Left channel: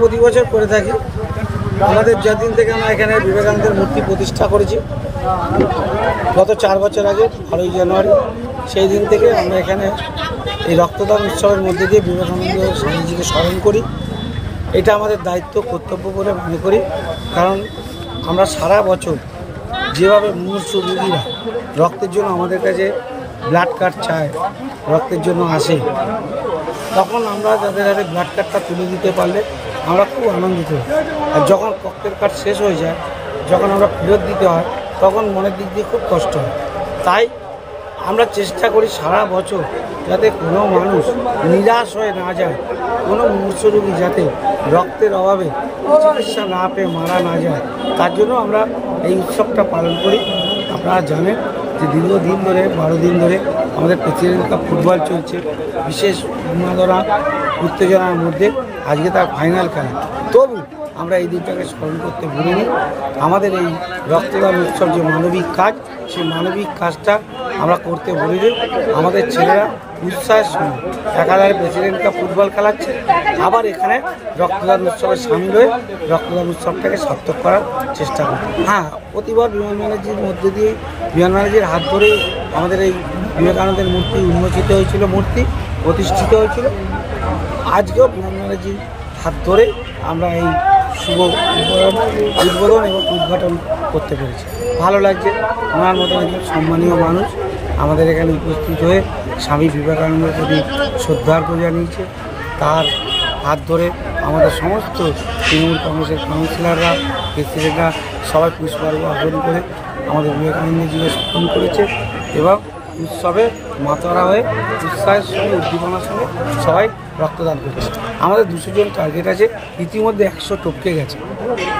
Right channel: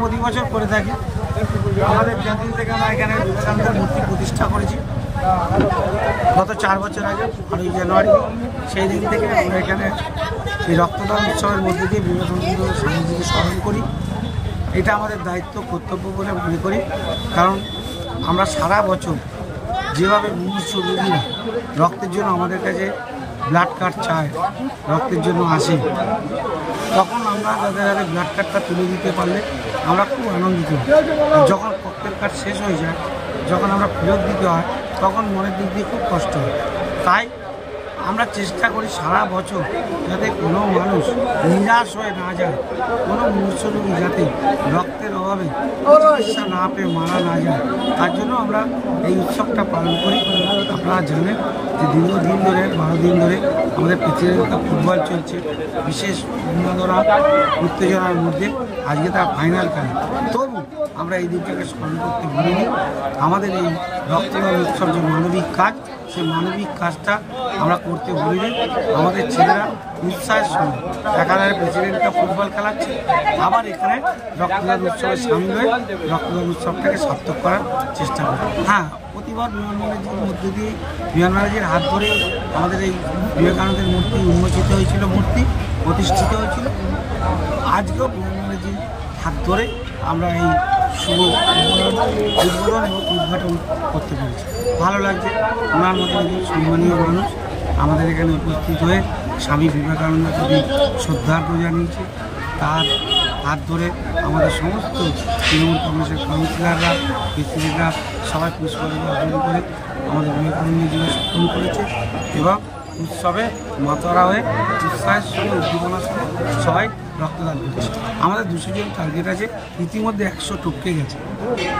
প্রতি বছর করে থাকি। আমাদের যতদিন থেকে আমরা এখানে বিবেকানন্দের মূর্তি প্রতিষ্ঠা করেছি, গত 4 বছর আগে 12ই জানুয়ারি, সেই দিন থেকে আমরা এখানে এই রক্তদান উৎসবের মধ্যে দিয়ে বিবেকানন্দ স্বামীজিকে স্মরণ করি। এটা আমাদের দায়িত্ব, কর্তব্য বলে মনে করি। কারণ আমরা সারা বছর যেভাবে মুমূর্ষু রোগীরা রক্তের জন্য আমাদের কাছে ব্লাড কার্ড চায়, রক্তের জন্য আসে, তখন আমরা তাদের হাতে ব্লাড কার্ডটা তুলে দিতে পারলে আমরা খুব আনন্দিত হই। আর যখন রক্তের কার্ড শেষ হয়ে যায়, যখন আমরা ফেরত দিতে হয়, তখন মনের দিক দিয়ে খুব কষ্ট হয়। তাই আমরা চেষ্টা করি সারা বছর যাতে কোনো মানুষ নিরাশ হয়ে না যায়, কোনো মুমূর্ষু রোগী যাতে রক্তের অভাবে চিকিৎসা না পেয়ে মারা না যায়, তার জন্য আমরা এই উৎসবটা পালন করি। আপনারা জানেন যে দীর্ঘদিন ধরে 12 দিন ধরে আমাদের প্রেসিডেন্ট কাপ ফুটবল চলছে, বিশেষ উন্মাদনা উত্তেজনার মধ্যে আজকে তার ফাইনাল খেলা। তবু আমরা এই দিনটাকে স্মরণ করতে ভুলিনি। আমাদের এই রক্তদান উৎসব যে মানবিক কাজ, সেই মানবিক কাজটা আমরা করতে ভুলিনি। আমাদের ছেলেরা উৎসাহের সঙ্গে একাধারে প্রেসিডেন্ট কাপ ফুটবল খেলাচ্ছে, আবার এখানে রক্তদান উৎসবে সামিল হয়ে রক্তদান উৎসবটাকে সার্থক করার চেষ্টা করি। হ্যাঁ, প্রতিবার বিমান ব্যানার্জির মধ্যে দিয়ে বিমান ব্যানার্জির হাত ধরে আমাদের এই বিবেকানন্দের মূর্তি উন্মোচিত হয়েছিল, মূর্তি প্রতিষ্ঠিত হয়েছিল। আজকেও বিমান ব্যানার্জির হাত ধরে আমরা এই শুভ উদ্বোধন এবং উদ্ঘাটন করতে পেরেছি। ভালো লাগছে। ওনার মতো একজন সম্মানীয় মানুষ আমাদের এখানে উপস্থিত হয়ে স্বামী বিবেকানন্দের প্রতি শ্রদ্ধার্ঘ্য জানিয়েছে। তার হাত ধরে আমাদের সমস্ত তৃণমূল কংগ্রেসের কাউন্সিলররা, প্রেসিডেন্টরা সবাই পুষ্পার্ঘ্য অর্পণ করে আমাদের বিবেকানন্দজিকে স্মরণ করেছে এবং উৎসবে মাতোয়ারা হয়ে উৎসাহের সঙ্গে উদ্দীপনার সঙ্গে সবাই রক্তদান করেছে। আমাদের 200 জন টার্গেট আছে, ইতিমধ্যে 100 টপকে গেছে।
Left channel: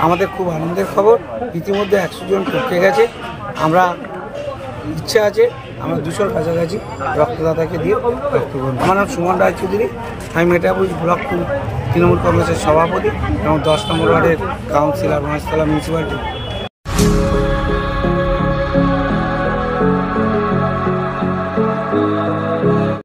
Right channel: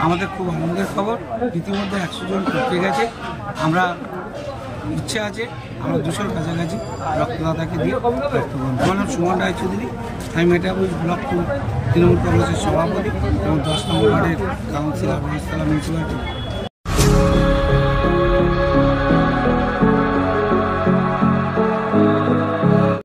আমাদের খুব আনন্দের খবর, ইতিমধ্যে 100 জন টপকে গেছে। আমরা ইচ্ছে আছে আমরা 200-র কাছাকাছি রক্তদাতাকে দিয়ে রক্তগ্রহণ। আমার নাম সুমন রায়চৌধুরী, আমি মেটাবুজ ব্লক 2 তৃণমূল কংগ্রেসের সভাপতি এবং 10 নম্বর ওয়ার্ডের কাউন্সিলর মহেশতলা মিউনিসিপ্যালিটি।